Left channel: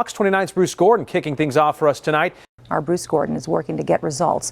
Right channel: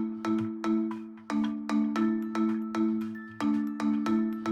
Fox 29's Bruce Gordon kicking things off for us tonight. Our Bruce Gordon is working to get results.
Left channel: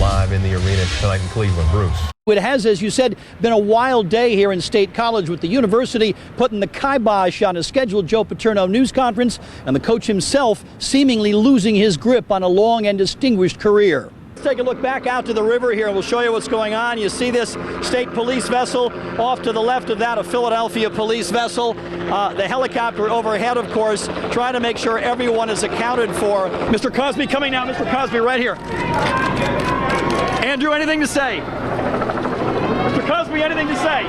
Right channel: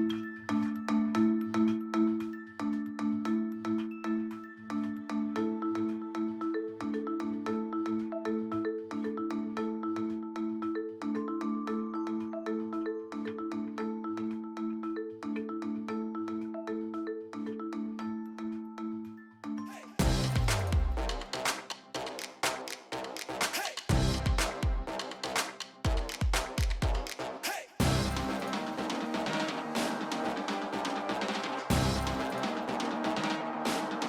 Live in the arena tonight in Cleveland, Bruce. It has, as you said, been a wild day here in State College, with the university putting the kibosh on a scheduled Joe Paterno news conference and the coach himself seemingly losing his grip on a long and distinguished career. Let's take a look back out to the river here and we'll show you what's going on. You see this state police vessel off to the left of that, a Philadelphia police vessel. The helicopter overhead, of course, trying to make sure everyone is accounted for. Mr. Cosby coming now. Mr. Cosby right here. Andrew, anything to say? Mr. Cosby, anything to say?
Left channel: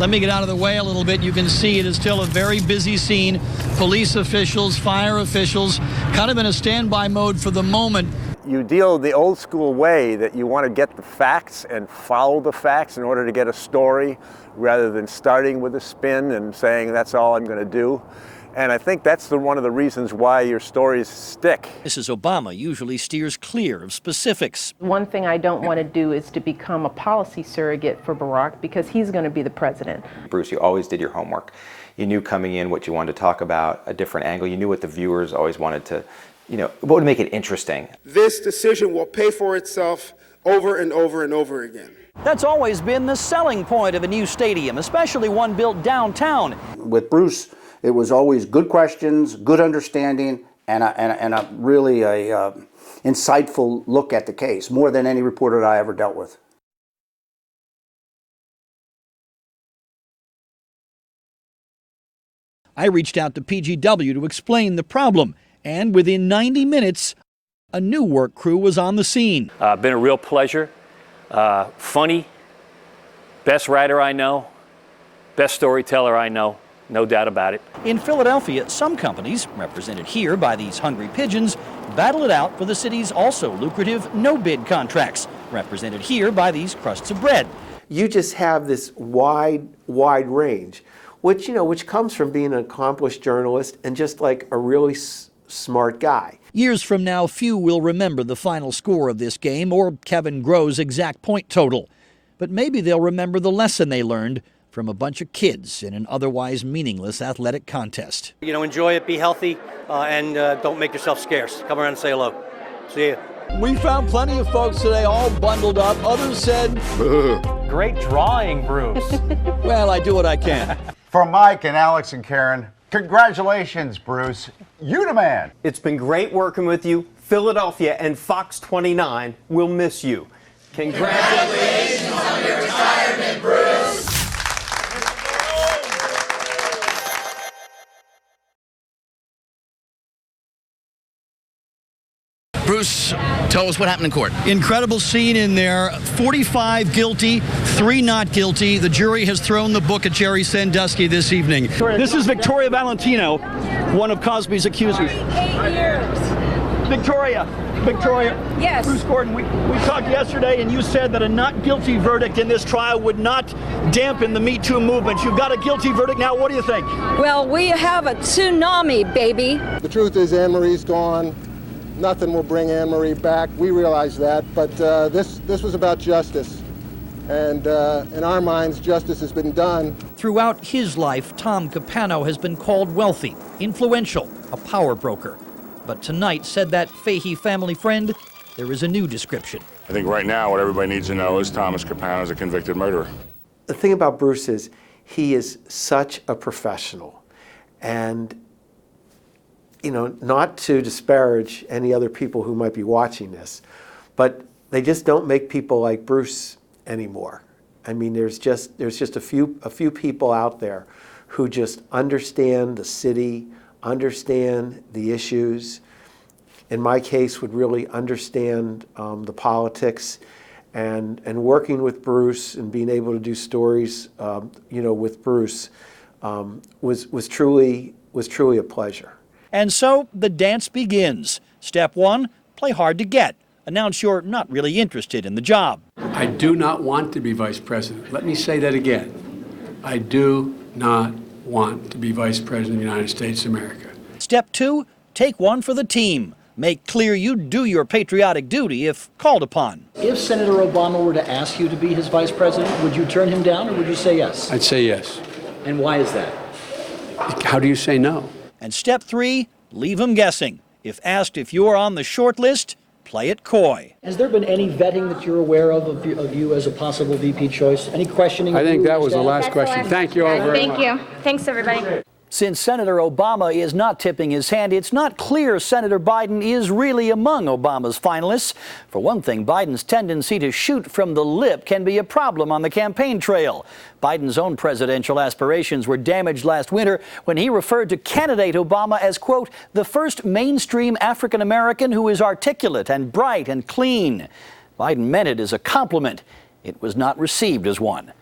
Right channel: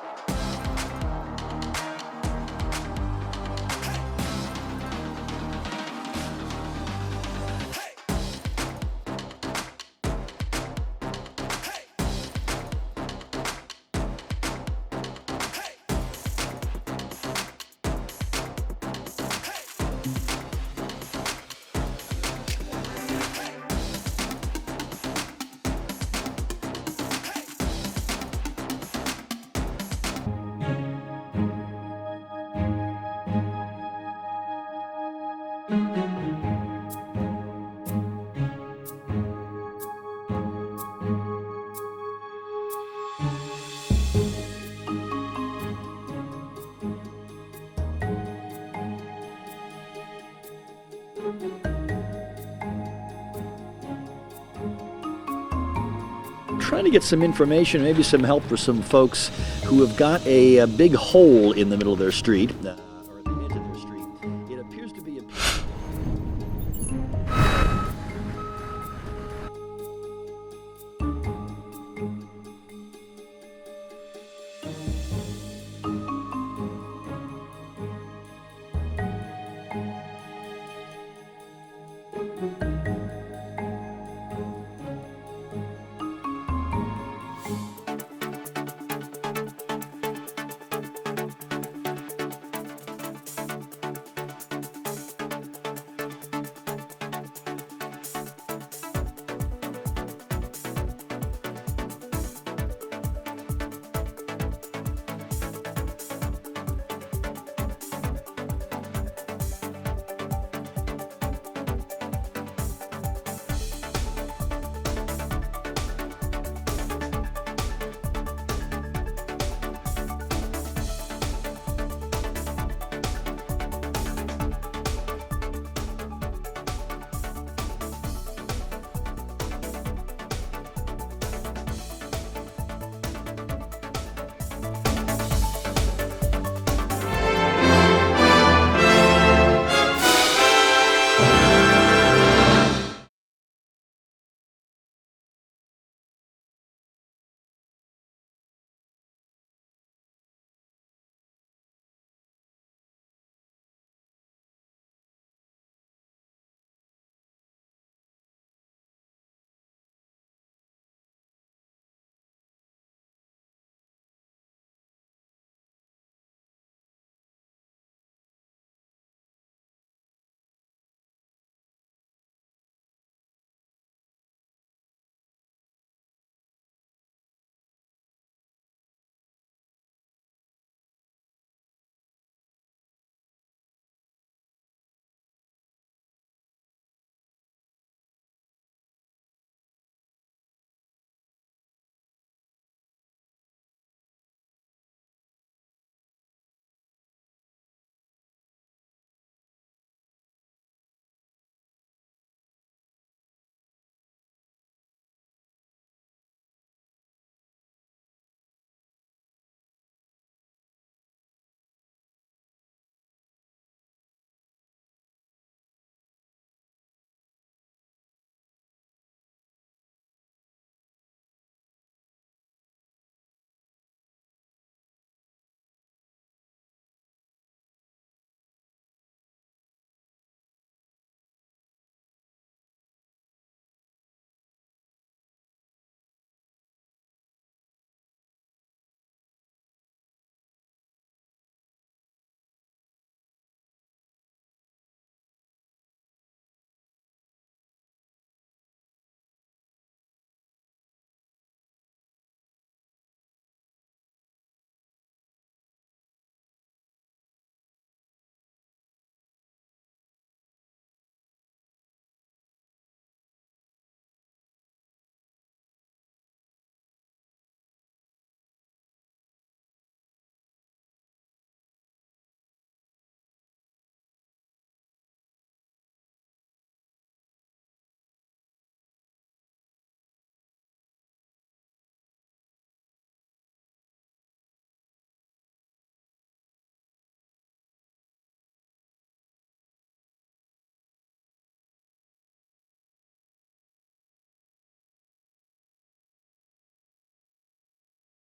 Let me get out of the way a little bit. You can see it is still a very busy scene. Police officials, fire officials, kind of in a standby mode for the moment. You deal the old school way that you want to get the facts and follow the facts in order to get a story, rather than starting with a spin and saying that's all I'm going to do. And I think that's one of the reasons why your stories stick. Mrs. Obama usually steers clear of specifics. One thing I don't want to do is to become a policy surrogate for Barack, because he's going to be the president. Bruce, you always did your homework. You knew coming in what you wanted to talk about, a different angle. You knew what the viewers always wanted to, what would make it interesting. This decision will pay for itself over and over and over again. That's always been the selling point of a new stadium, especially one built downtown. With Bruce, it was always good questions, good understanding, and a really insightful look at the case, more than any reporter that I ever dealt with. Trying to get some information, maybe some help for some folks who have got a big hole in the middle of their street. I reached out to PGW to explain the problem, and within 90 minutes, a new work crew was on the scene. Been a real pleasure. Funny, best writer I know, best storyteller I know, no doubt about it. In Philadelphia, some companies, represented here by these hungry pigeons, battle it out for the city's also lucrative no-bid contracts, represented here by these crusts of bread. You just have this wide range, which comes from being an accomplished journalist and just like a really smart guy. Years from now, few will remember the final score of this game or Kevin Groh's exact point total. But maybe they'll remember the lesson they learned from a bunch of kids in an otherwise meaningless athletic contest. Enjoy it, be healthy, and don't make yourself scarce. Come around and say hello. See you. We found plenty of folks today all bundled up. Others said, Great drawing, Bruce. well, I do what I can. For Mike and Alex and Karen, congratulations, Bruce. You the man. It's been great working with you. Philadelphia and Fox 29 will miss you. Congratulations on your retirement, Bruce. Bruce, tell us what happened in court. Incredible scene in there. 45 guilty, 3 not guilty. The jury has thrown the book at Jerry Sandusky this evening. This is Victoria Valentino, one of Cosby's accusers. 8 years. Victoria. Yes. Bruce Gordon, we talked yesterday and you said that a not guilty verdict in this trial would not dampen the Me Too movement. You've got a guilty verdict now. What do you think? Well, we have a tsunami, baby. The truth is Anne-Marie's gone. Nothing will bring Anne-Marie back. We realize that, but this was about justice. And in our minds, justice has been done. Throughout his life, Tom Capano has been called wealthy, influential, a power broker. But tonight, said that Fahey family friend, there is a new description. I think right now what everybody needs to know is Thomas Capano is a convicted murderer. The thing about Bruce is he is such a professional. And, not to disparage any other people who might be watching this, but they just don't make people like Bruce anymore. I mean, there's just a few people out there who just understand the city, understand the issues, in my case would really understand the politics, and working with Bruce and being able to do stories with Bruce was truly a pleasure. And so the dance begins. Step 1, play hard to get. Announce you're not really interested in the job. I do not want to be vice president. Let me say that again. I do not want to be vice president of the United States of America. Step 2, take one for the team. Make clear you do your patriotic duty if called upon. If Senator Obama were to ask you to be his vice president, would you turn him down or would you say yes? I'd say yes. And why is that? How do you say no? And step 3, leave them guessing. If asked if you're on the short list, play it coy. Has there been any vetting that you're aware of you as a possible VP choice? Any questioning? I think that was the last question. Thank you all very much. Thank you. Thanks, everybody. Since Senator Obama is not tipping his hand, it's not clear Senator Biden is really among Obama's finalists. For one thing, Biden's tendency to shoot from the lip can be a problem on the campaign trail. Biden's own presidential aspirations were damaged last winter when he referred to candidate Obama as, quote, the first mainstream African American who is articulate and bright and clean. Biden meant it as a compliment. It was not received as one.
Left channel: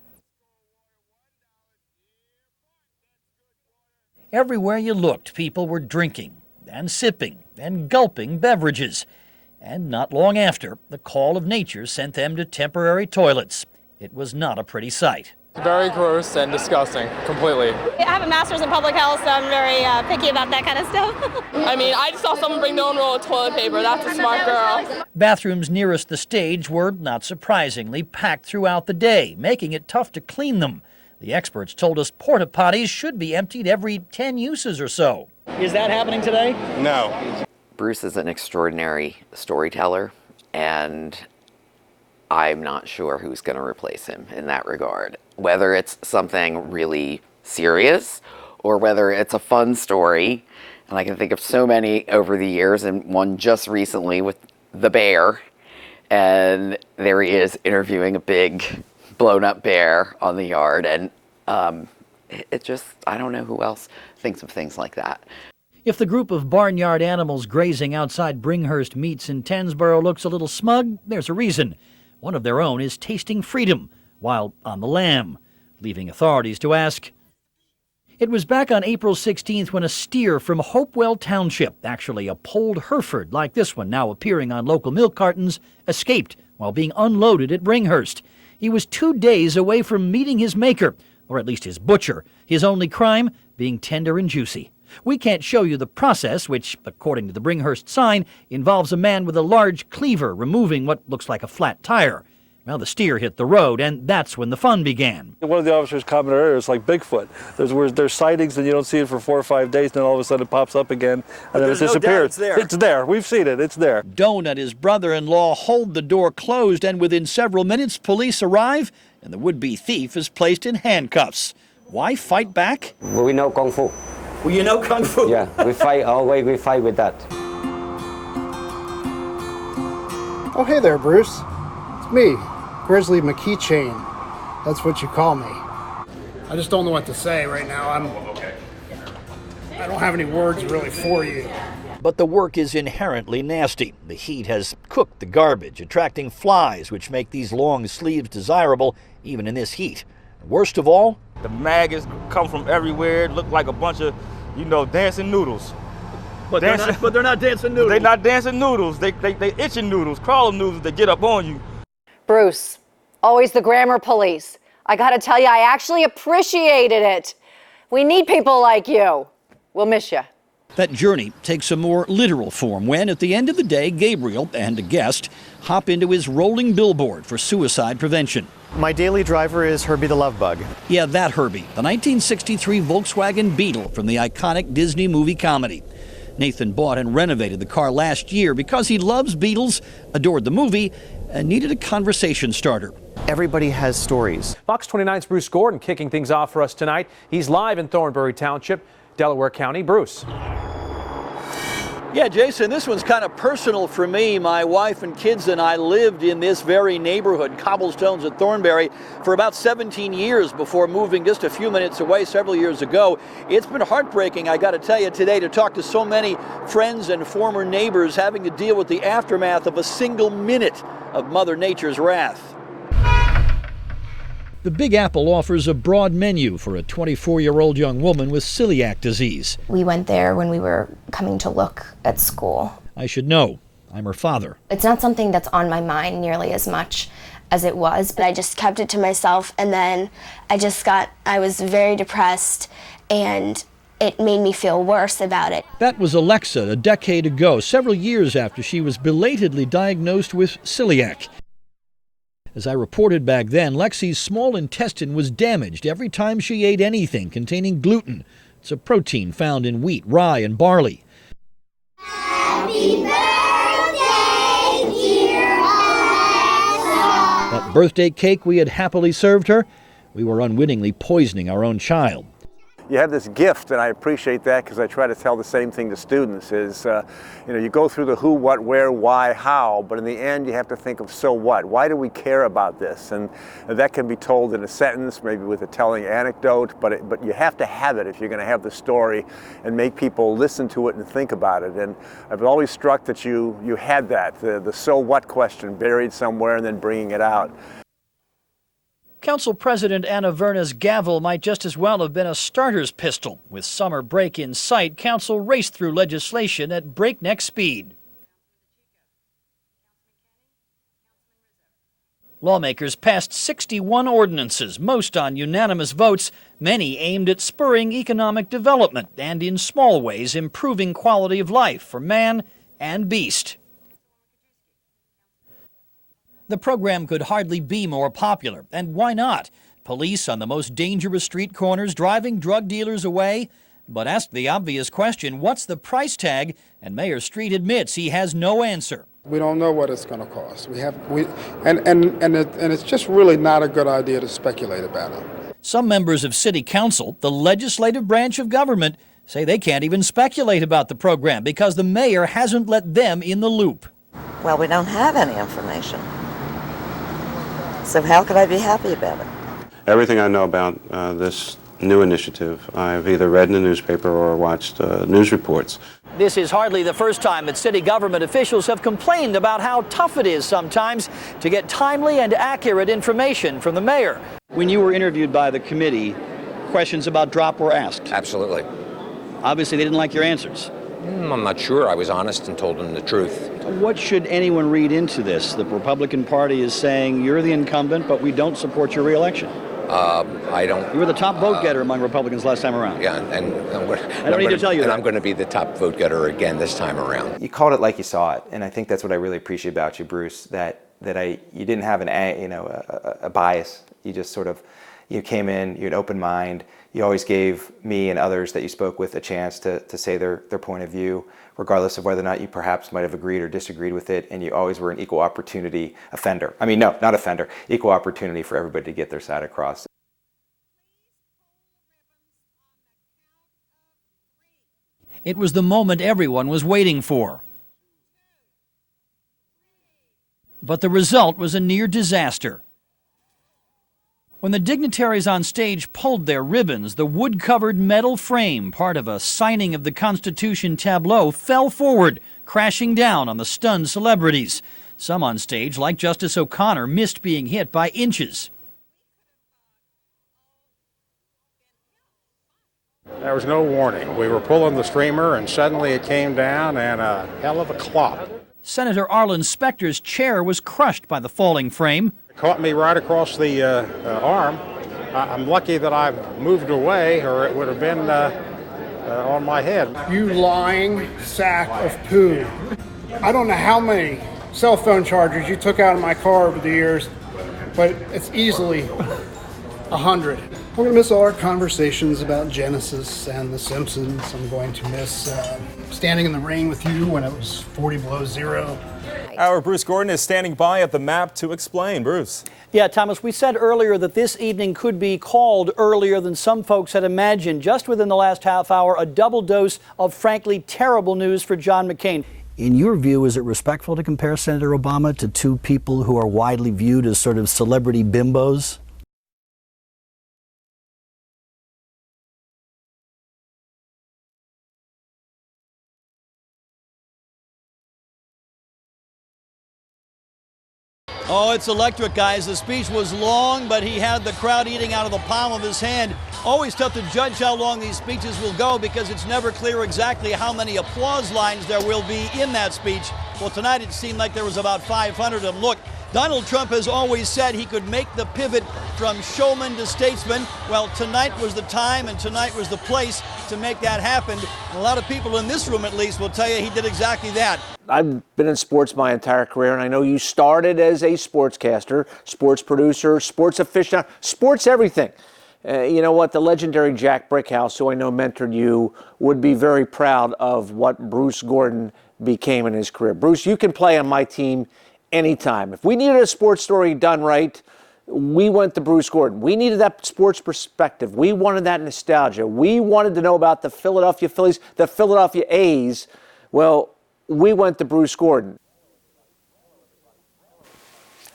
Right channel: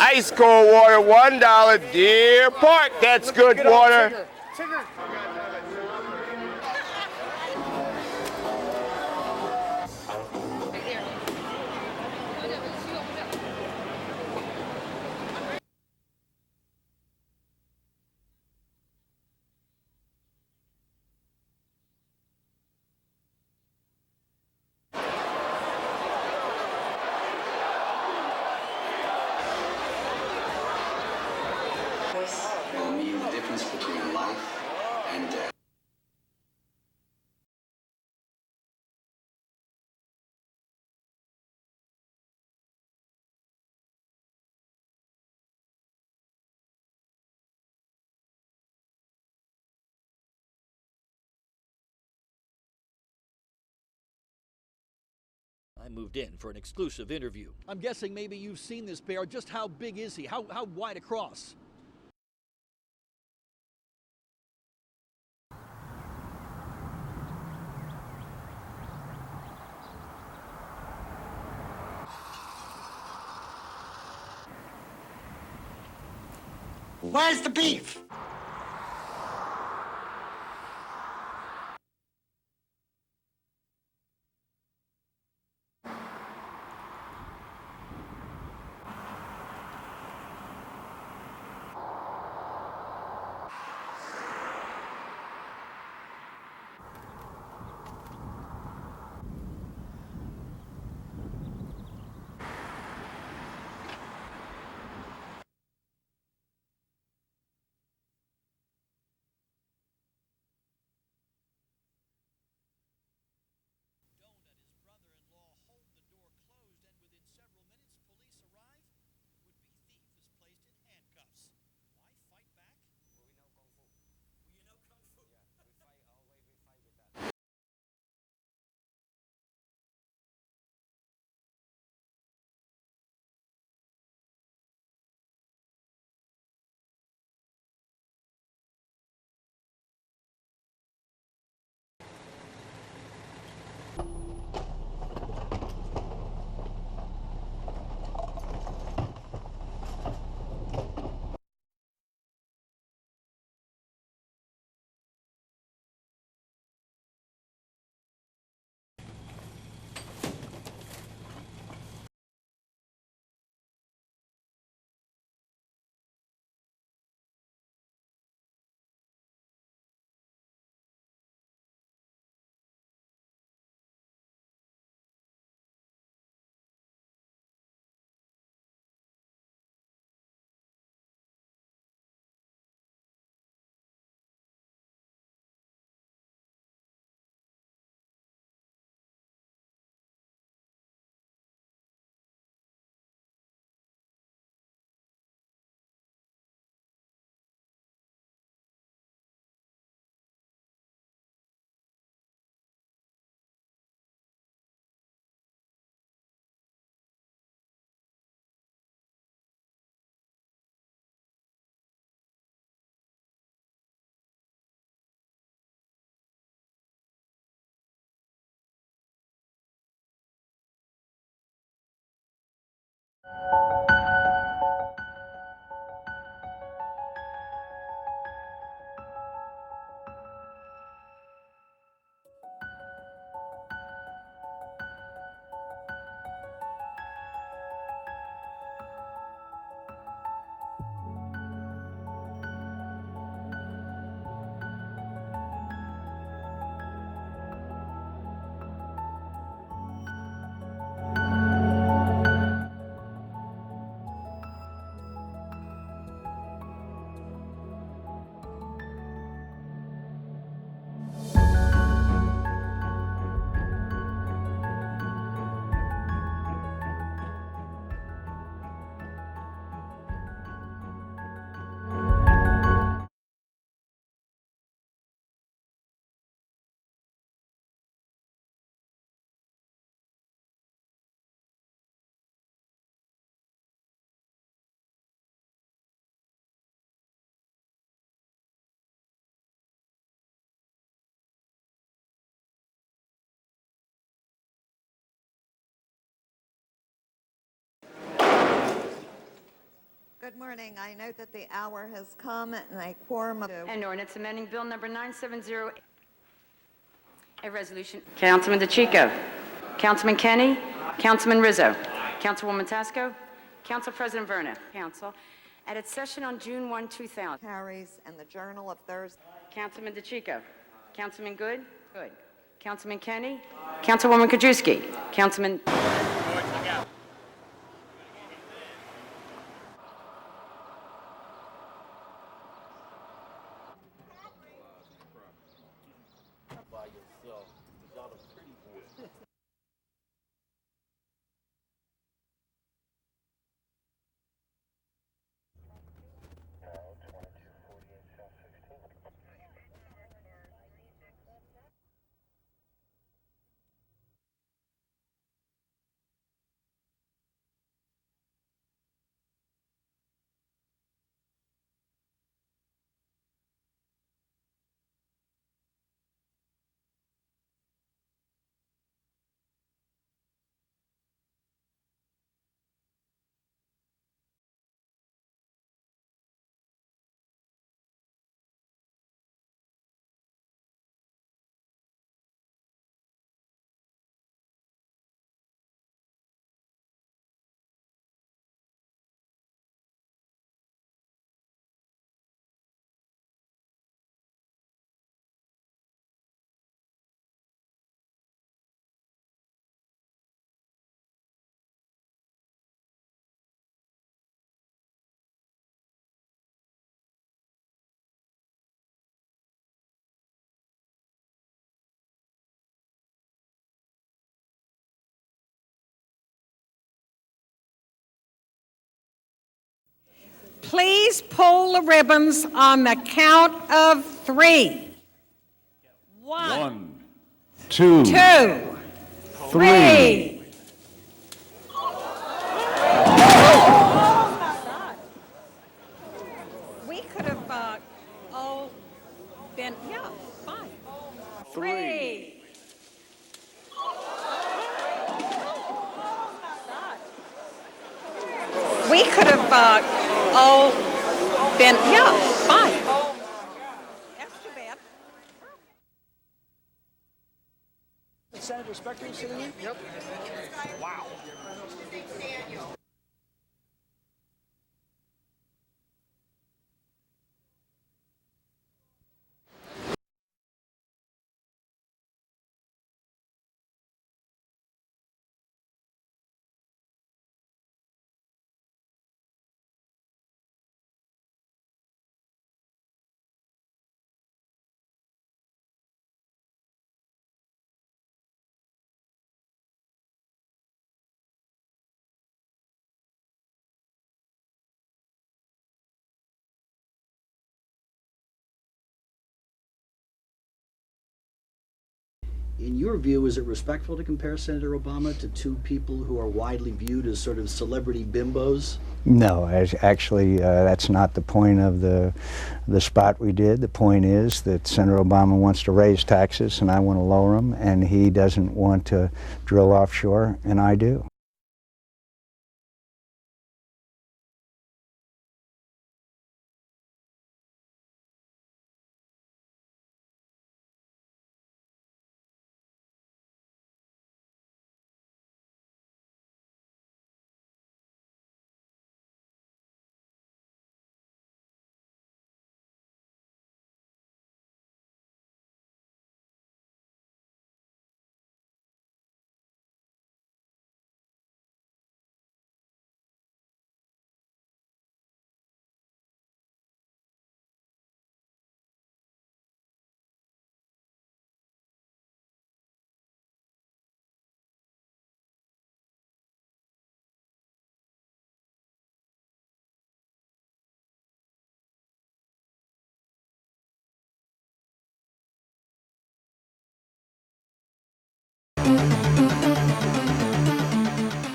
Ice cold water, $1, Deer Park. That's good water. Everywhere you looked, people were drinking and sipping and gulping beverages. And not long after, the call of nature sent them to temporary toilets. It was not a pretty sight. Very gross and disgusting, completely. I have a master's in public health, so I'm very picky about that kind of stuff. I mean, I just saw someone bring their own roll of toilet paper. That's a smart girl. Bathrooms nearest the stage were, not surprisingly, packed throughout the day, making it tough to clean them. The experts told us porta potties should be emptied every 10 uses or so. Is that happening today? No. Bruce is an extraordinary storyteller, and I'm not sure who's going to replace him in that regard. Whether it's something really serious or whether it's a fun story. And I can think of so many over the years, and one just recently with the bear. And there he is interviewing a big blown up bear on the yard. And it just, I don't know who else thinks of things like that. If the group of barnyard animals grazing outside Bringhurst Meats in Tensboro looks a little smug, there's a reason. One of their own is tasting freedom while on the lam, leaving authorities to ask, Where's the beef? It was back on April 16th when a steer from Hopewell Township, actually a polled Hereford like this one now appearing on local milk cartons, escaped while being unloaded at Bringhurst. He was 2 days away from meeting his maker, or at least his butcher, his only crime being tender and juicy. We can't show you the process, which, according to the Bringhurst sign, involves a man with a large cleaver removing what looks like a flat tire. Now the steer hit the road, and that's when the fun began. One of the officers commented earlier, it's like Bigfoot. There's sightings and you don't see it for 4 or 5 days, and then all of a sudden it pops up again, and then it disappears. It's there. We've seen it. It's there. Doan and his brother-in-law hold the door closed, and within several minutes, police arrive, and the would-be thief is placed in handcuffs. Why fight back? We know Kung Fu. Well, you know Kung Fu? Yeah, we fight our way, we fight with that. Oh, hey there, Bruce. It's me, Grizzly McKeychain. That's what you call me. I just don't know what to say right now. I don't have any words really for you. But the work is inherently nasty. The heat has cooked the garbage, attracting flies, which make these long sleeves desirable even in this heat. Worst of all, the maggots come from everywhere. It look like a bunch of, dancing noodles. But they're not dancing noodles. They're not dancing noodles. They itching noodles, crawling noodles that get up on you. Bruce, always the grammar police. I gotta tell you, I actually appreciated it. We need people like you. We'll miss you. That journey takes a more literal form when, at the end of the day, Gabriel and a guest hop into his rolling billboard for suicide prevention. My daily driver is Herbie the Love Bug. Yeah, that Herbie, the 1963 Volkswagen Beetle from the iconic Disney movie comedy. Nathan bought and renovated the car last year because he loves Beatles, adored the movie, and needed a conversation starter. Everybody has stories. Fox 29's Bruce Gordon kicking things off for us tonight. He's live in Thornbury Township, Delaware County. Bruce. Yeah, Jason, this one's kind of personal for me. My wife and kids and I lived in this very neighborhood, Cobblestones at Thornbury, for about 17 years before moving just a few minutes away several years ago. It's been heartbreaking, I got to tell you today, to talk to so many friends and former neighbors having to deal with the aftermath of a single minute of Mother Nature's wrath. The Big Apple offers a broad menu for a 24-year-old young woman with celiac disease. We went there when we were coming to look at school. I should know. I'm her father. It's not something that's on my mind nearly as much as it was, but I just kept it to myself, and then I was very depressed, and it made me feel worse about it. That was Alexa a decade ago, several years after she was belatedly diagnosed with celiac. As I reported back then, Lexi's small intestine was damaged every time she ate anything containing gluten, It's a protein found in wheat, rye, and barley. Happy birthday, dear Alexa. That birthday cake we had happily served her, we were unwittingly poisoning our own child. You have this gift, and I appreciate that because I try to tell the same thing to students is, you go through the who, what, where, why, how, but in the end you have to think of so what? Why do we care about this? And that can be told in a sentence, maybe with a telling anecdote, but you have to have it if you're going to have the story and make people listen to it and think about it. And I've always struck that you had that, the so what question buried somewhere and then bringing it out. Council President Anna Verna's gavel might just as well have been a starter's pistol. With summer break in sight, Council raced through legislation at breakneck speed. Councilman DeChico, Councilman Kenny, Councilman Rizzo. Lawmakers passed 61 ordinances, most on unanimous votes, many aimed at spurring economic development and in small ways improving quality of life for man and beast. Councilwoman Kajewski, Councilman... The program could hardly be more popular, and why not? Police on the most dangerous street corners driving drug dealers away. But ask the obvious question, what's the price tag? And Mayor Street admits he has no answer. We don't know what it's going to cost. It's just really not a good idea to speculate about it. Some members of City Council, the legislative branch of government, say they can't even speculate about the program because the mayor hasn't let them in the loop. Well, we don't have any information. So how could I be happy about it? Everything I know about this new initiative, I've either read in the newspaper or watched news reports. This is hardly the first time that city government officials have complained about how tough it is sometimes to get timely and accurate information from the mayor. When you were interviewed by the committee, questions about drop were asked. Absolutely. Obviously, they didn't like your answers. I'm not sure. I was honest and told them the truth. What should anyone read into this? The Republican Party is saying you're the incumbent, but we don't support your reelection. I don't. You were the top vote getter among Republicans last time around. Yeah, and I don't need to tell you that. I'm going to be the top vote getter again this time around. You called it like you saw it, and I think that's what I really appreciate about you, Bruce. You didn't have a bias. You just sort of came in. You had an open mind. You always gave me and others that you spoke with a chance to say their point of view, regardless of whether or not you perhaps might have agreed or disagreed with it, and you always were an equal opportunity offender. I mean, no, not offender, equal opportunity for everybody to get their side across. Please pull the ribbons on the count of 3. It was the moment everyone was waiting for. 2, 3. But the result was a near disaster. When the dignitaries on stage pulled their ribbons, the wood-covered metal frame, part of a signing of the Constitution tableau, fell forward, crashing down on the stunned celebrities. Some on stage, like Justice O'Connor, missed being hit by inches. We could have all been, fine. There was no warning. We were pulling the streamer and suddenly it came down and a hell of a clop. Senator Arlen Specter's chair was crushed by the falling frame. Caught me right across the arm. I'm lucky that I moved away or it would have been on my head. You lying sack of poo. I don't know how many cell phone chargers you took out of my car over the years, but it's easily 100. We're going to miss all our conversations about Genesis and The Simpsons. I'm going to miss standing in the rain with you when it was 40 below zero. Our Bruce Gordon is standing by at the map to explain. Bruce. Yeah, Thomas, we said earlier that this evening could be called earlier than some folks had imagined. Just within the last half hour, a double dose of frankly terrible news for John McCain. In your view, is it respectful to compare Senator Obama to two people who are widely viewed as sort of celebrity bimbos? No, actually, that's not the point of the spot we did. The point is that Senator Obama wants to raise taxes and I want to lower them, and he doesn't want to drill offshore, and I do. Oh, it's electric, guys. The speech was long, but he had the crowd eating out of the palm of his hand. Always tough to judge how long these speeches will go because it's never clear exactly how many applause lines there will be in that speech. Well, tonight it seemed like there was about 500 of them. Look, Donald Trump has always said he could make the pivot from showman to statesman. Well, tonight was the time and tonight was the place to make that happen. And a lot of people in this room, at least, will tell you he did exactly that. I've been in sports my entire career, and I know you started as a sportscaster, sports producer, sports aficionado, sports everything. You know what? The legendary Jack Brickhouse, who I know mentored you, would be very proud of what Bruce Gordon became in his career. Bruce, you can play on my team anytime. If we needed a sports story done right, we went to Bruce Gordon. We needed that sports perspective. We wanted that nostalgia. We wanted to know about the Philadelphia Phillies, the Philadelphia A's. Well, we went to Bruce Gordon.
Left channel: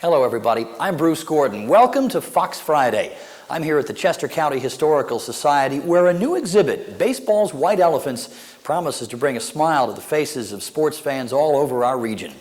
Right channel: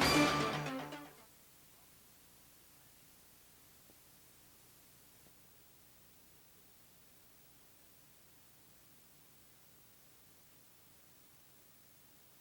Hello, everybody. I'm Bruce Gordon. Welcome to Fox Friday. I'm here at the Chester County Historical Society, where a new exhibit, Baseball's White Elephants, promises to bring a smile to the faces of sports fans all over our region.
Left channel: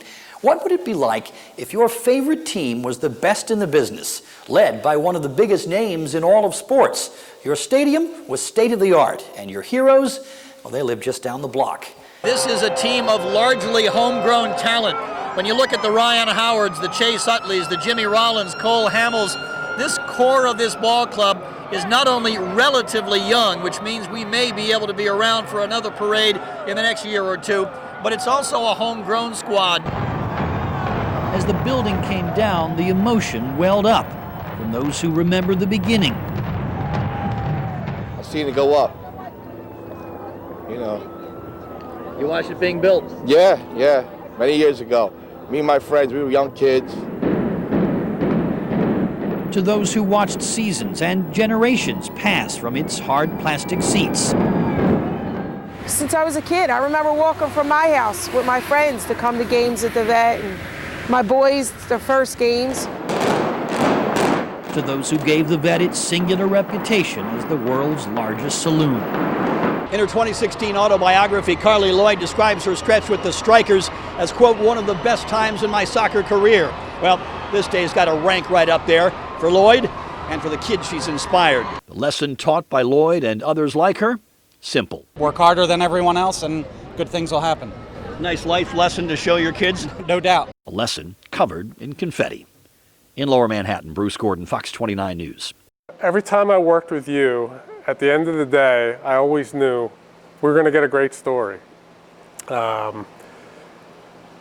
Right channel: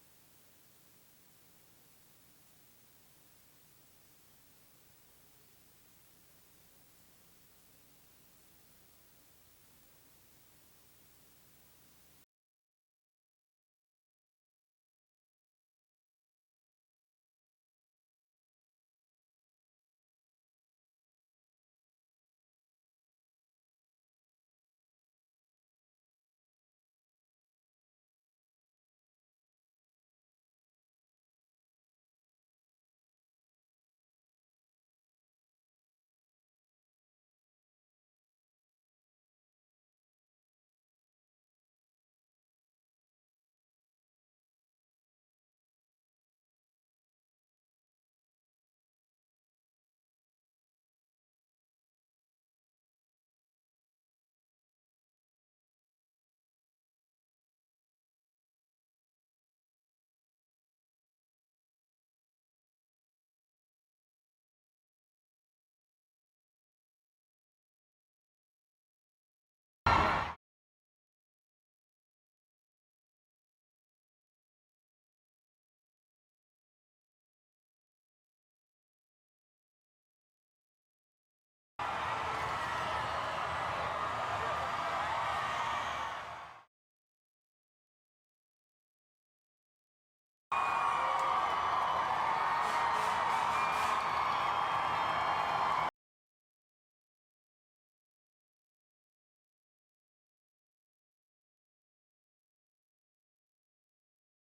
What would it be like if your favorite team was the best in the business, led by one of the biggest names in all of sports? Your stadium was state-of-the-art, and your heroes, well, they live just down the block. This is a team of largely homegrown talent. When you look at the Ryan Howards, the Chase Utleys, the Jimmy Rollins, Cole Hamels, this core of this ball club is not only relatively young, which means we may be able to be around for another parade in the next year or two, but it's also a homegrown squad. As the building came down, the emotion welled up from those who remember the beginning. I've seen it go up, you know. You watched it being built? Yeah, many years ago. Me and my friends, we were young kids. To those who watched seasons and generations pass from its hard plastic seats. Since I was a kid, I remember walking from my house with my friends to come to games at the Vet, and my boys, their first games. To those who gave the Vet its singular reputation as the world's largest saloon. In her 2016 autobiography, Carly Lloyd describes her stretch with the Strikers as, quote, one of the best times in my soccer career. Well, this day's got to rank right up there for Lloyd and for the kids she's inspired. Lesson taught by Lloyd and others like her? Simple. Work harder than everyone else and good things will happen. Nice life lesson to show your kids? No doubt. A lesson covered in confetti. In Lower Manhattan, Bruce Gordon, Fox 29 News. Every time I worked with you, at the end of the day, I always knew we were going to get a great story.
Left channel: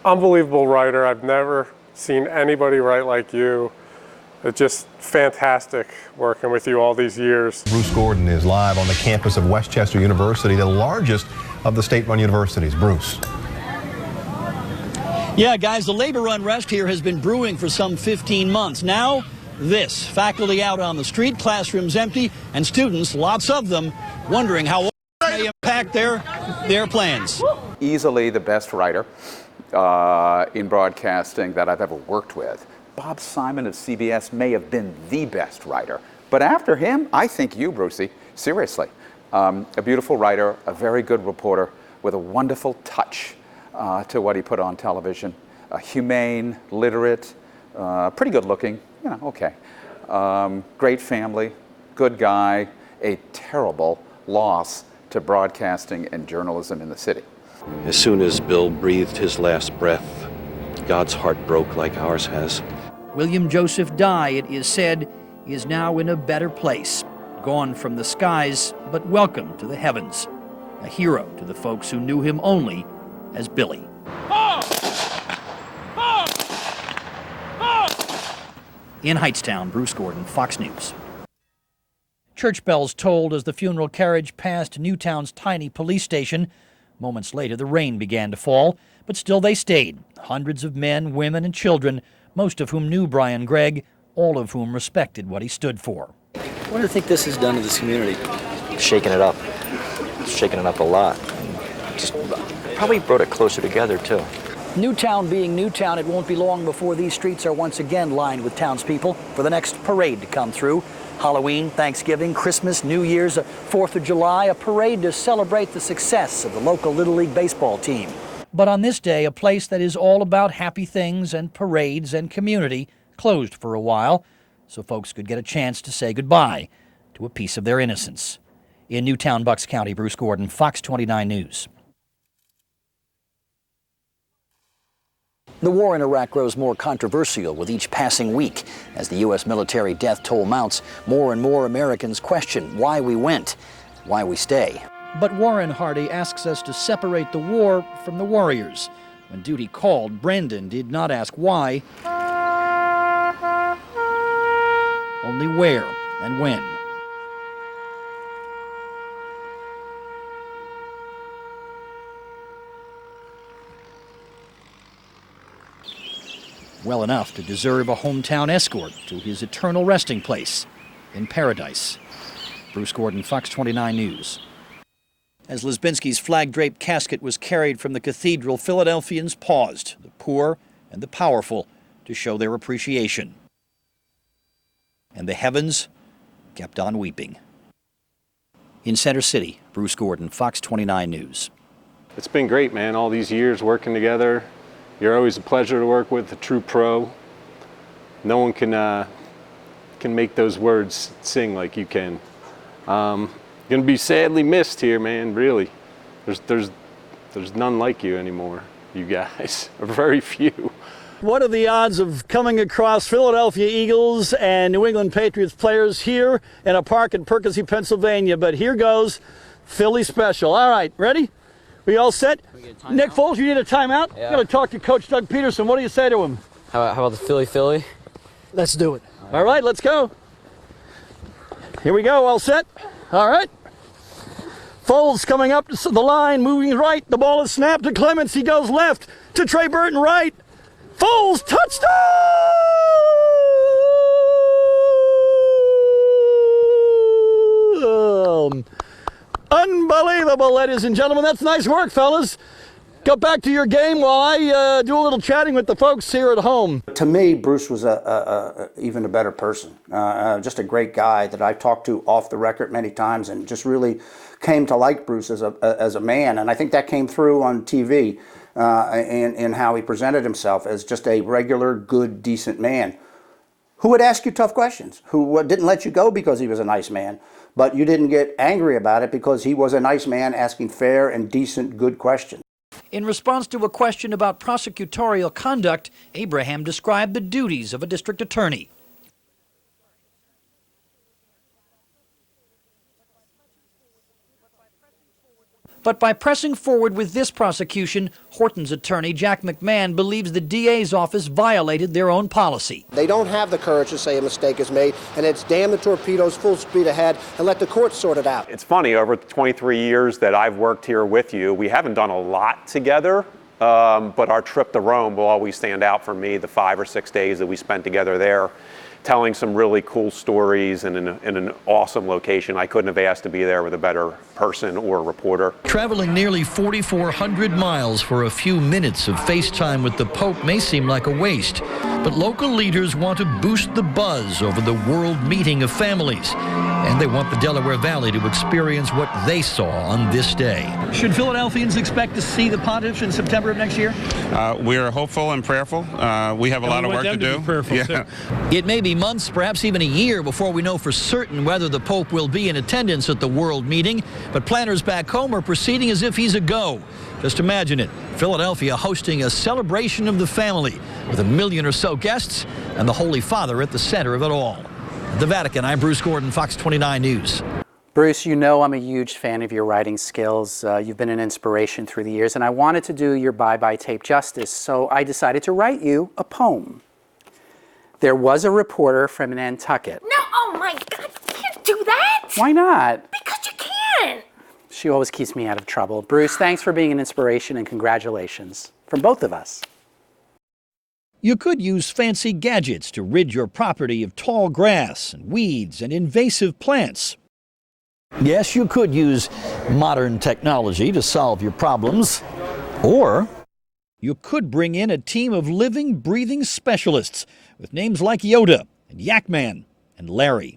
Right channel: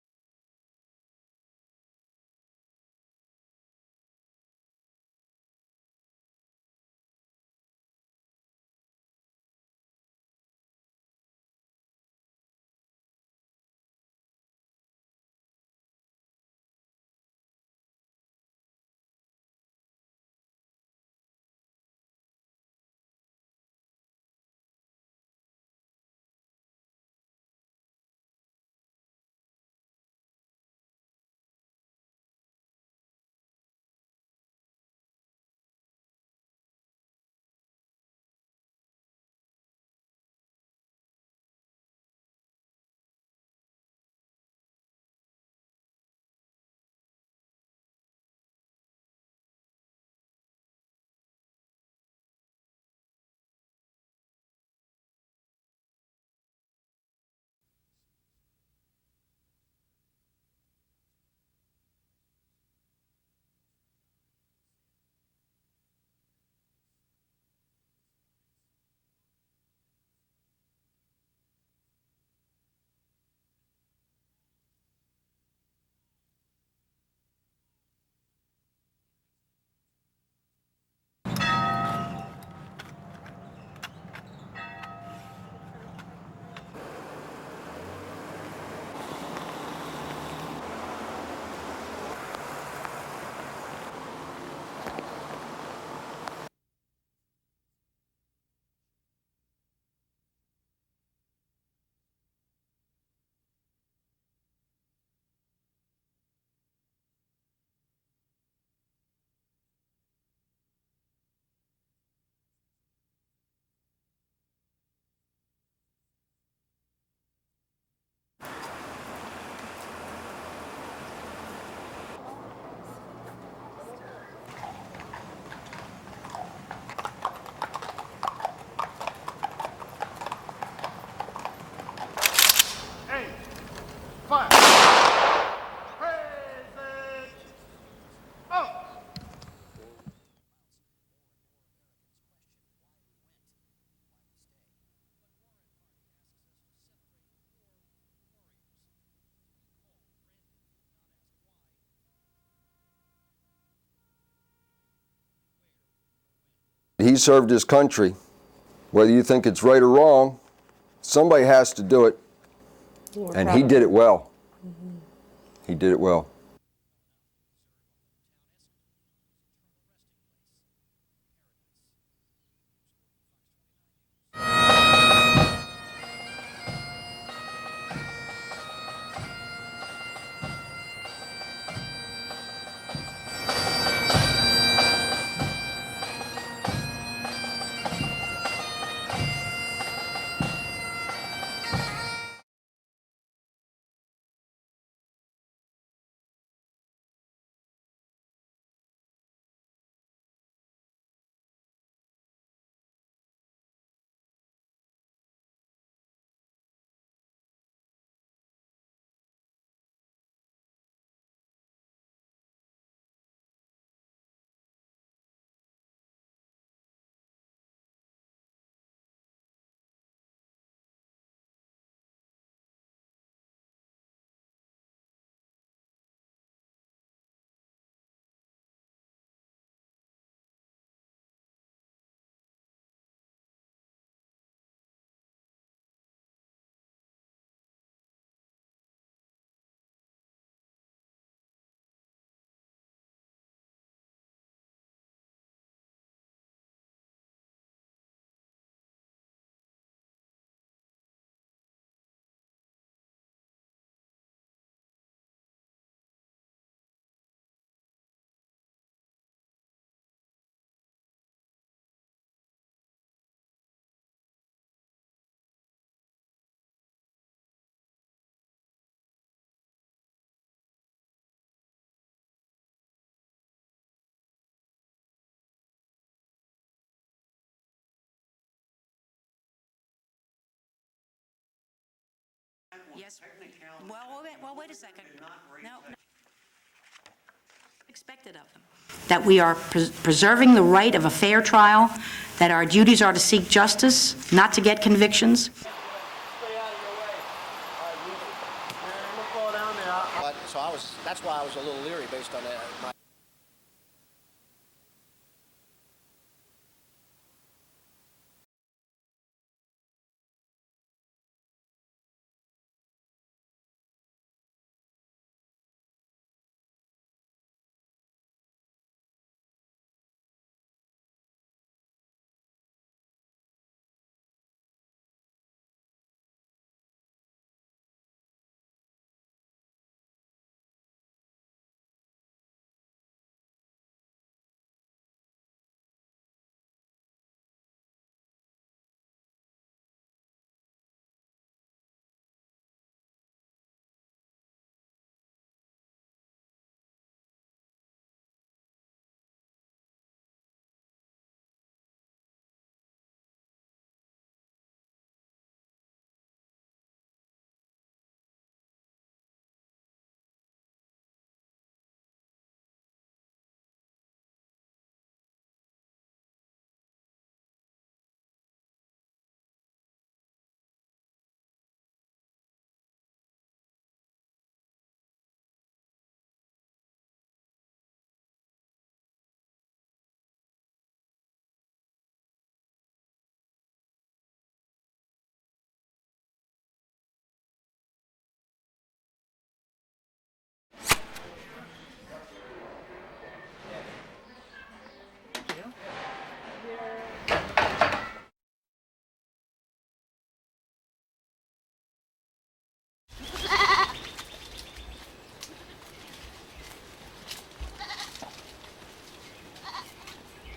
Unbelievable writer. I've never seen anybody write like you. It's just fantastic working with you all these years. Bruce Gordon is live on the campus of Westchester University, the largest of the state-run universities. Bruce. Yeah, guys, the labor unrest here has been brewing for some 15 months. Now, this. Faculty out on the street, classrooms empty, and students, lots of them, wondering how it may impact their plans. Easily the best writer in broadcasting that I've ever worked with. Bob Simon of CBS may have been the best writer, but after him, I think you, Brucey, seriously. A beautiful writer, a very good reporter with a wonderful touch to what he put on television. Humane, literate, pretty good looking, you know, okay. Great family, good guy, a terrible loss to broadcasting and journalism in the city. As soon as Bill breathed his last breath, God's heart broke like ours has. William Joseph Dye, it is said, is now in a better place. Gone from the skies, but welcome to the heavens. A hero to the folks who knew him only as Billy. In Hightstown, Bruce Gordon, Fox News. Church bells tolled as the funeral carriage passed Newtown's tiny police station. Moments later, the rain began to fall, but still they stayed. Hundreds of men, women, and children, most of whom knew Brian Gregg, all of whom respected what he stood for. What do you think this has done to this community? Shaking it up. Shaking it up a lot. Just probably brought it closer together, too. Newtown being Newtown, it won't be long before these streets are once again lined with townspeople for the next parade to come through. Halloween, Thanksgiving, Christmas, New Year's, 4th of July, a parade to celebrate the success of the local Little League baseball team. But on this day, a place that is all about happy things and parades and community closed for a while, so folks could get a chance to say goodbye to a piece of their innocence. In Newtown, Bucks County, Bruce Gordon, Fox 29 News. The war in Iraq grows more controversial with each passing week. As the U.S. military death toll mounts, more and more Americans question why we went, why we stay. But Warren Hardy asks us to separate the war from the warriors. When duty called, Brendan did not ask why, only where and when. He served his country. Whether you think it's right or wrong, somebody has to do it. And he did it well. He did it well. Well enough to deserve a hometown escort to his eternal resting place in paradise. Bruce Gordon, Fox 29 News. As Lisbinski's flag-draped casket was carried from the cathedral, Philadelphians paused, the poor and the powerful, to show their appreciation. And the heavens kept on weeping. In Center City, Bruce Gordon, Fox 29 News. It's been great, man, all these years working together. You're always a pleasure to work with, a true pro. No one can make those words sing like you can. Gonna be sadly missed here, man, really. There's none like you anymore, you guys, or very few. What are the odds of coming across Philadelphia Eagles and New England Patriots players here in a park in Percy, Pennsylvania? But here goes Philly special. All right, ready? We all set? Nick Foles, you need a timeout? Yeah. I'm going to talk to Coach Doug Peterson. What do you say to him? How about the Philly? Let's do it. All right, let's go. Here we go, all set? All right. Foles coming up to the line, moving right. The ball is snapped to Clements. He goes left to Trey Burton right. Foles, touchdown! Unbelievable, ladies and gentlemen. That's nice work, fellas. Go back to your game while I do a little chatting with the folks here at home. To me, Bruce was even a better person. Just a great guy that I've talked to off the record many times, and just really came to like Bruce as a man. And I think that came through on TV in how he presented himself as just a regular, good, decent man who would ask you tough questions, who didn't let you go because he was a nice man, but you didn't get angry about it because he was a nice man asking fair and decent, good questions. In response to a question about prosecutorial conduct, Abraham described the duties of a district attorney. That we are preserving the right of a fair trial, that our duties are to seek justice, not to get convictions. But by pressing forward with this prosecution, Horton's attorney, Jack McMahon, believes the DA's office violated their own policy. They don't have the courage to say a mistake is made, and it's damn the torpedoes, full speed ahead, and let the courts sort it out. It's funny, over the 23 years that I've worked here with you, we haven't done a lot together, but our trip to Rome will always stand out for me, the 5 or 6 days that we spent together there, telling some really cool stories in an awesome location. I couldn't have asked to be there with a better person or reporter. Traveling nearly 4,400 miles for a few minutes of FaceTime with the Pope may seem like a waste, but local leaders want to boost the buzz over the world meeting of families, and they want the Delaware Valley to experience what they saw on this day. Should Philadelphians expect to see the pontiff in September of next year? We're hopeful and prayerful. We have a lot of work to do. It may be months, perhaps even a year, before we know for certain whether the Pope will be in attendance at the world meeting, but planners back home are proceeding as if he's a go. Just imagine it, Philadelphia hosting a celebration of the family with 1 million or so guests and the Holy Father at the center of it all. At the Vatican, I'm Bruce Gordon, Fox 29 News. Bruce, you know I'm a huge fan of your writing skills. You've been an inspiration through the years, and I wanted to do your bye-bye tape justice, so I decided to write you a poem. There was a reporter from Nantucket. No, oh my God, you can't do that. Why not? Because you can. She always keeps me out of trouble. Bruce, thanks for being an inspiration, and congratulations from both of us. You could use fancy gadgets to rid your property of tall grass and weeds and invasive plants. Yes, you could use modern technology to solve your problems. Or you could bring in a team of living, breathing specialists with names like Yoda, Yakman, and Larry.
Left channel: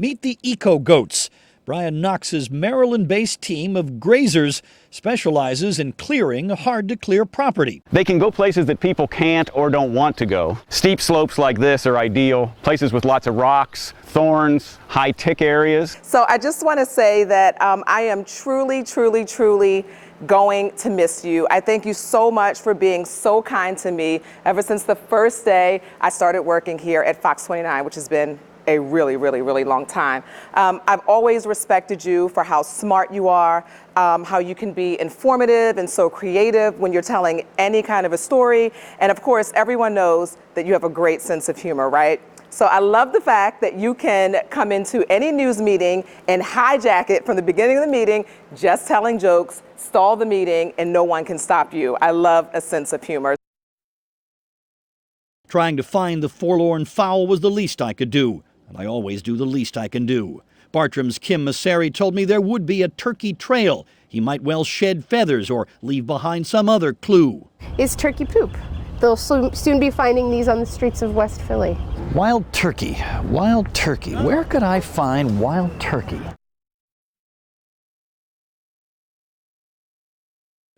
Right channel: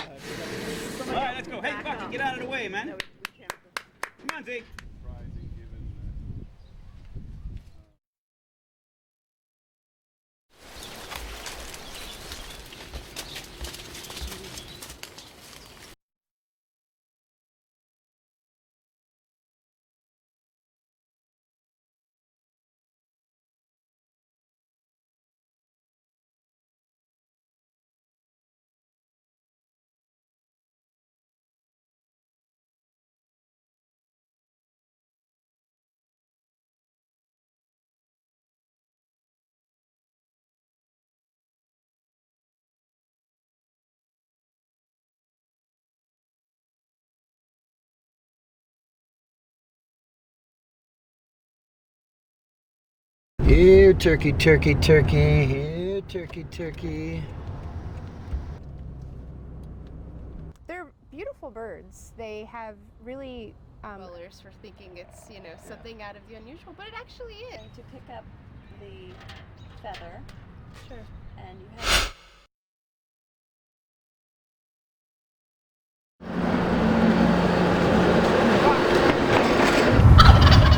Meet the Eco Goats. Brian Knox's Maryland-based team of grazers specializes in clearing hard-to-clear property. They can go places that people can't or don't want to go. Steep slopes like this are ideal, places with lots of rocks, thorns, high-tick areas. So I just want to say that I am truly, truly, truly going to miss you. I thank you so much for being so kind to me ever since the first day I started working here at Fox 29, which has been a really, really, really long time. I've always respected you for how smart you are, how you can be informative and so creative when you're telling any kind of a story. And of course, everyone knows that you have a great sense of humor, right? So I love the fact that you can come into any news meeting and hijack it from the beginning of the meeting, just telling jokes, stall the meeting, and no one can stop you. I love a sense of humor. Ew, turkey, turkey, turkey. Trying to find the forlorn fowl was the least I could do. I always do the least I can do. Bartram's Kim Masseri told me there would be a turkey trail. He might well shed feathers or leave behind some other clue. Is turkey poop. They'll soon be finding these on the streets of West Philly. Wild turkey, wild turkey. Where could I find wild turkey?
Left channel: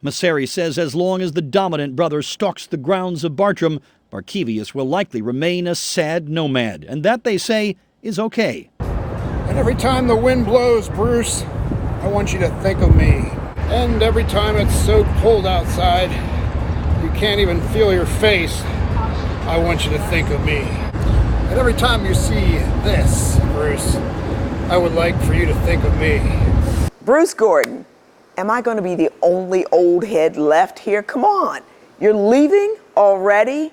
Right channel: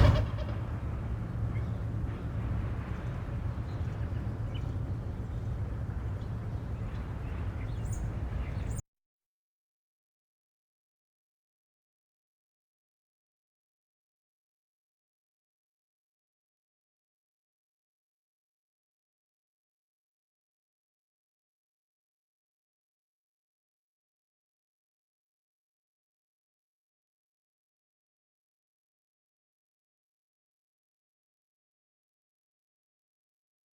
Masseri says as long as the dominant brother stalks the grounds of Bartram, Barkevius will likely remain a sad nomad. And that, they say, is okay. And every time the wind blows, Bruce, I want you to think of me. And every time it's so cold outside, you can't even feel your face, I want you to think of me. And every time you see this, Bruce, I would like for you to think of me. Bruce Gordon, am I going to be the only old head left here? Come on, you're leaving already?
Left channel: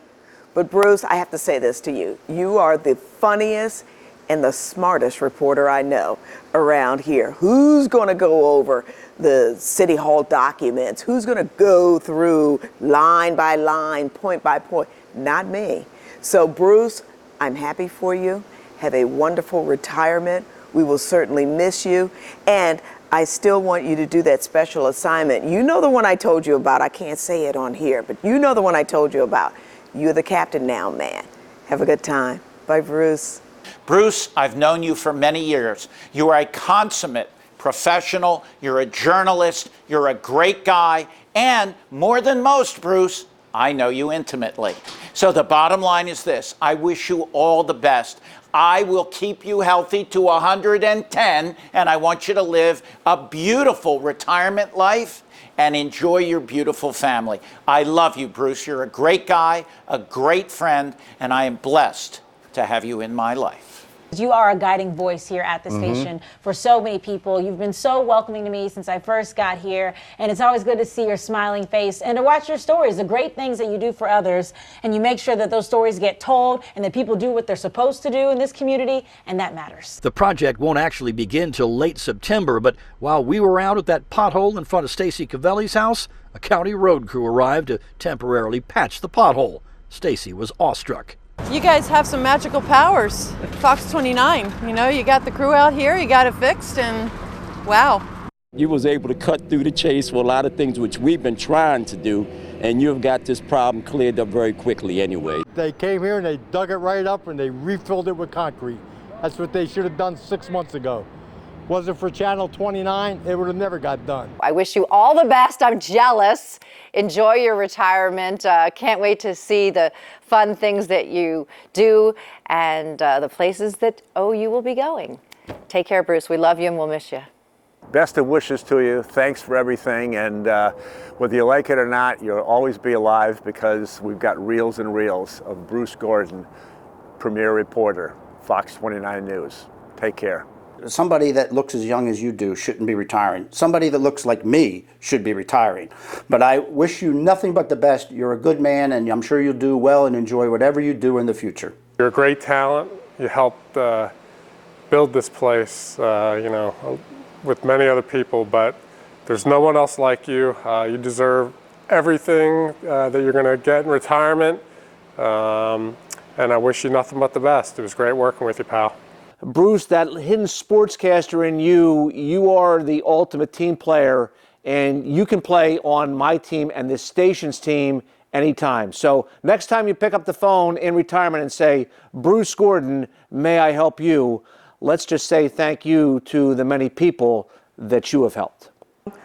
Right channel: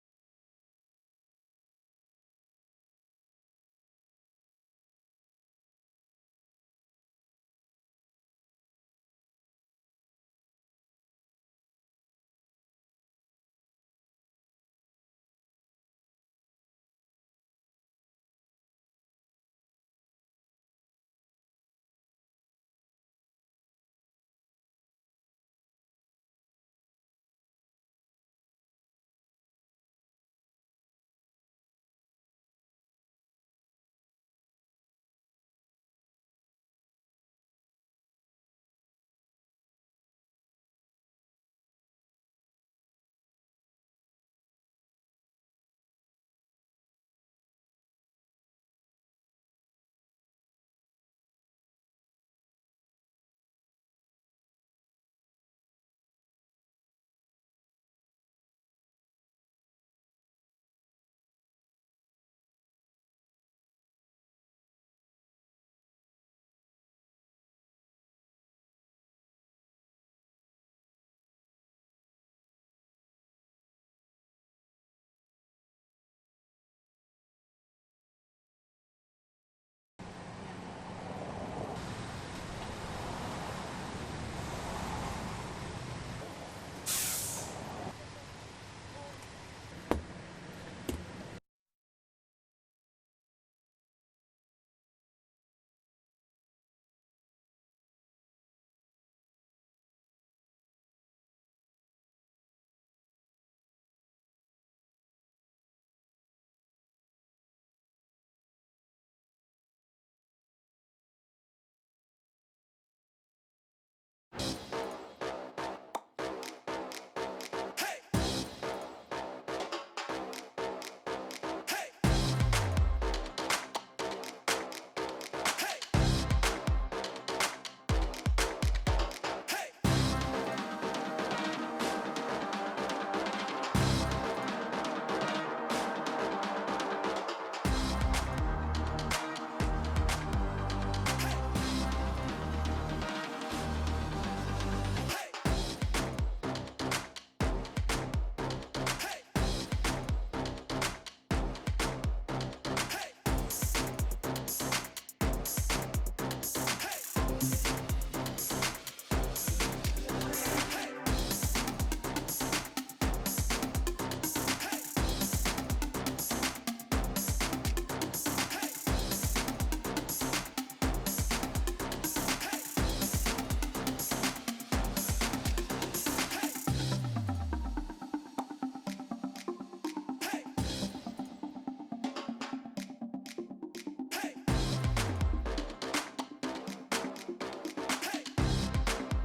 But Bruce, I have to say this to you. You are the funniest and the smartest reporter I know around here. Who's going to go over the City Hall documents? Who's going to go through line by line, point by point? Not me. So Bruce, I'm happy for you. Have a wonderful retirement. We will certainly miss you. And I still want you to do that special assignment. You know the one I told you about. I can't say it on here, but you know the one I told you about. You're the captain now, man. Have a good time. Bye, Bruce. Bruce, I've known you for many years. You are a consummate professional. You're a journalist. You're a great guy. And more than most, Bruce, I know you intimately. So the bottom line is this. I wish you all the best. I will keep you healthy to 110, and I want you to live a beautiful retirement life and enjoy your beautiful family. I love you, Bruce. You're a great guy, a great friend, and I am blessed to have you in my life. You are a guiding voice here at the station for so many people. You've been so welcoming to me since I first got here, and it's always good to see your smiling face and to watch your stories, the great things that you do for others, and you make sure that those stories get told and that people do what they're supposed to do in this community, and that matters. The project won't actually begin till late September, but while we were out at that pothole in front of Stacy Cavelli's house, a county road crew arrived to temporarily patch the pothole. Stacy was awestruck. You guys have some magical powers. Fox 29, you know, you got the crew out here, you got it fixed, and wow. You was able to cut through the chase for a lot of things which we've been trying to do, and you've got this problem cleared up very quickly anyway. They came here and they dug it right up and they refilled it with concrete. That's what they should have done 6 months ago. Was it for Channel 29, it would have never got done. I wish you all the best. I'm jealous. Enjoy your retirement. Can't wait to see the fun things that you do and the places that you will be going. Take care, Bruce. We love you and we'll miss you. Best of wishes to you. Thanks for everything. And whether you like it or not, you'll always be alive because we've got reels and reels of Bruce Gordon, premier reporter, Fox 29 News. Take care. Somebody that looks as young as you do shouldn't be retiring. Somebody that looks like me should be retiring. But I wish you nothing but the best. You're a good man, and I'm sure you'll do well and enjoy whatever you do in the future. You're a great talent. You helped build this place, you know, with many other people, but there's no one else like you. You deserve everything that you're going to get in retirement, and I wish you nothing but the best. It was great working with you, pal. Bruce, that hidden sportscaster in you, you are the ultimate team player, and you can play on my team and the station's team anytime. So next time you pick up the phone in retirement and say, Bruce Gordon, may I help you? Let's just say thank you to the many people that you have helped.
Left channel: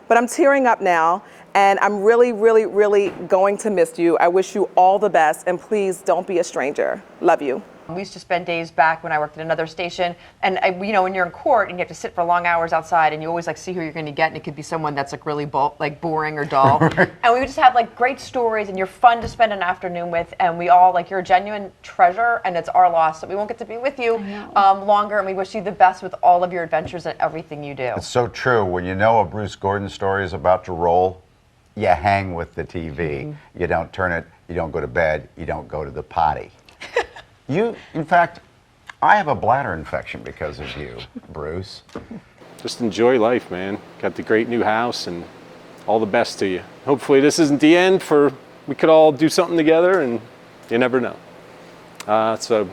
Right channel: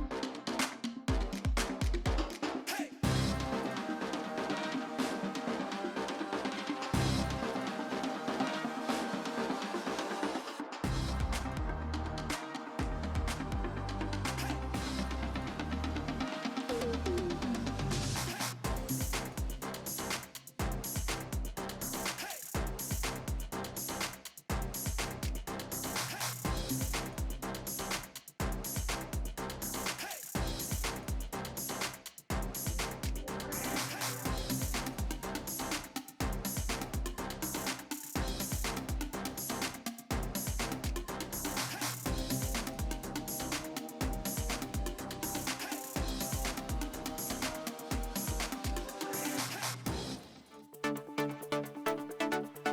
But I'm tearing up now, and I'm really, really, really going to miss you. I wish you all the best, and please don't be a stranger. Love you. We used to spend days back when I worked at another station, and you know, when you're in court and you have to sit for long hours outside, and you always like see who you're going to get, and it could be someone that's like really boring or dull. And we would just have like great stories, and you're fun to spend an afternoon with, and we all like you're a genuine treasure, and it's our loss that we won't get to be with you longer. And we wish you the best with all of your adventures and everything you do. It's so true. When you know a Bruce Gordon story is about to roll, you hang with the TV. You don't turn it, you don't go to bed, you don't go to the potty. You, in fact, I have a bladder infection because of you, Bruce. Just enjoy life, man. Got the great new house, and all the best to you. Hopefully this isn't the end we could all do something together, and you never know. So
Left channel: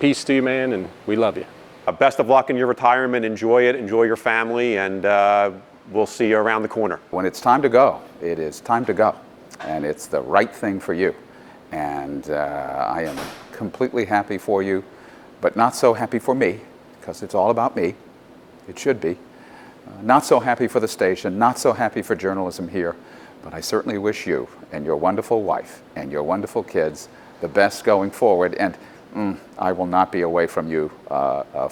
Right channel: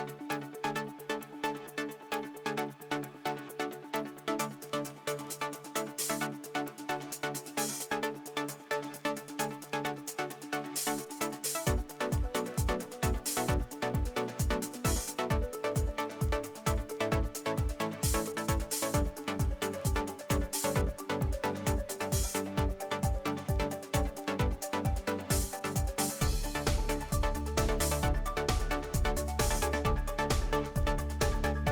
peace to you, man, and we love you. Best of luck in your retirement. Enjoy it, enjoy your family, and we'll see you around the corner. When it's time to go, it is time to go. And it's the right thing for you. And I am completely happy for you, but not so happy for me, because it's all about me. It should be. Not so happy for the station, not so happy for journalism here, but I certainly wish you and your wonderful wife and your wonderful kids the best going forward. And I will not be away from you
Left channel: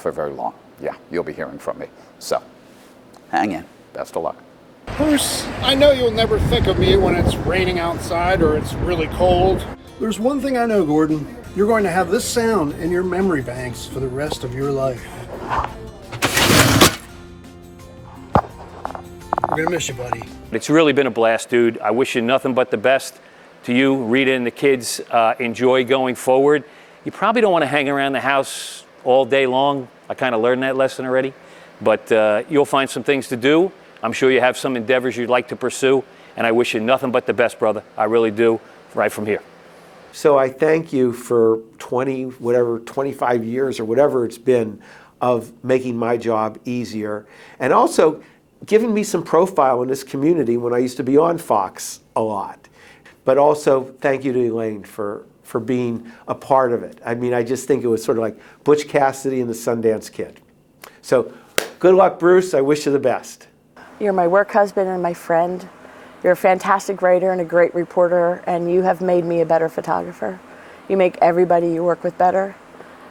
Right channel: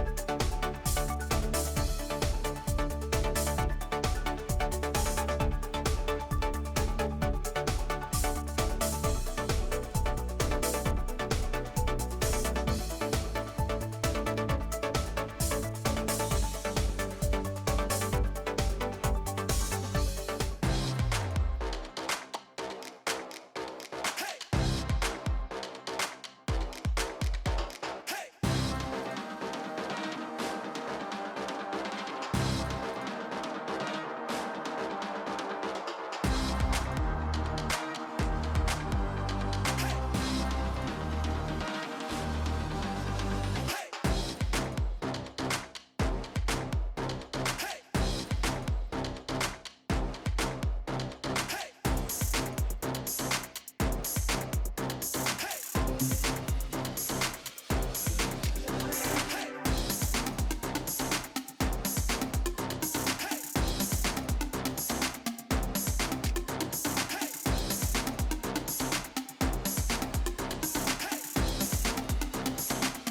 for very long. Yeah, you'll be hearing from me. So, hang in. Best of luck. Bruce, I know you'll never think of me when it's raining outside or it's really cold. There's one thing I know, Gordon. You're going to have this sound in your memory banks for the rest of your life. I'm gonna miss you, buddy. It's really been a blast, dude. I wish you nothing but the best to you, Rita, and the kids. Enjoy going forward. You probably don't want to hang around the house all day long. I kind of learned that lesson already. But you'll find some things to do. I'm sure you have some endeavors you'd like to pursue. And I wish you nothing but the best, brother. I really do, right from here. So I thank you for 25 years or whatever it's been of making my job easier. And also giving me some profile in this community when I used to be on Fox a lot. But also, thank you to Elaine for being a part of it. I mean, I just think it was sort of like Butch Cassidy and the Sundance Kid. So, good luck, Bruce. I wish you the best. You're my work husband and my friend. You're a fantastic writer and a great reporter, and you have made me a better photographer. You make everybody you work with better.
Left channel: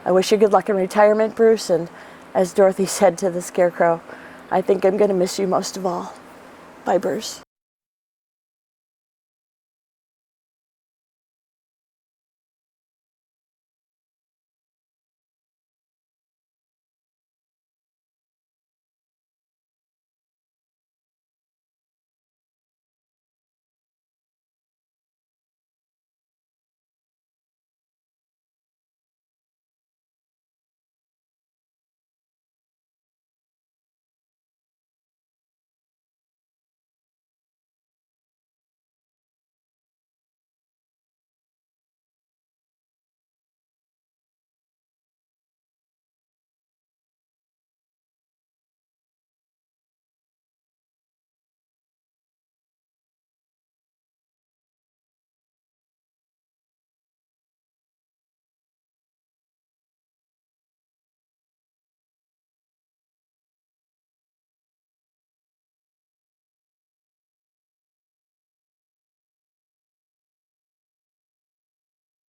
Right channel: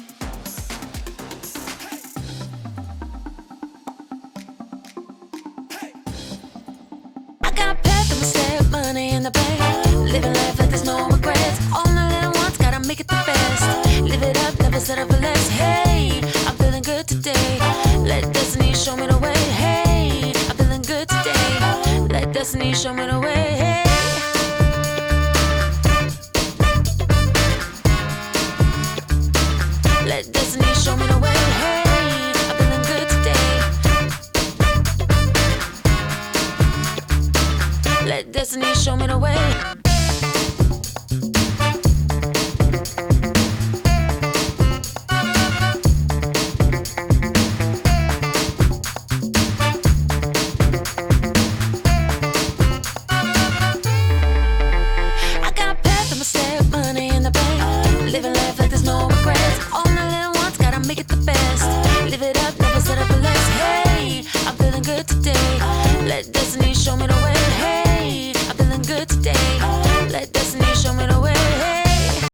I wish you good luck in retirement, Bruce, and as Dorothy said to the Scarecrow, I think I'm gonna miss you most of all. Bye, Bruce. I got a path of step, money in the bank. Living life like there's no regrets. All the little ones gotta make it the best. Live it up, never settle for less. Hey, I'm feeling good today. Let destiny show me the way. Hey, I'm feeling good today. Let destiny show me the way. Hey. Let destiny show me the way. Hey, I'm feeling good today. Let destiny show me the way. I got a path, I'ma step, money in the bank. Living life like there's no regrets. All the little ones gotta make it the best. Live it up, never settle for less. Hey, I'm feeling good today. Let destiny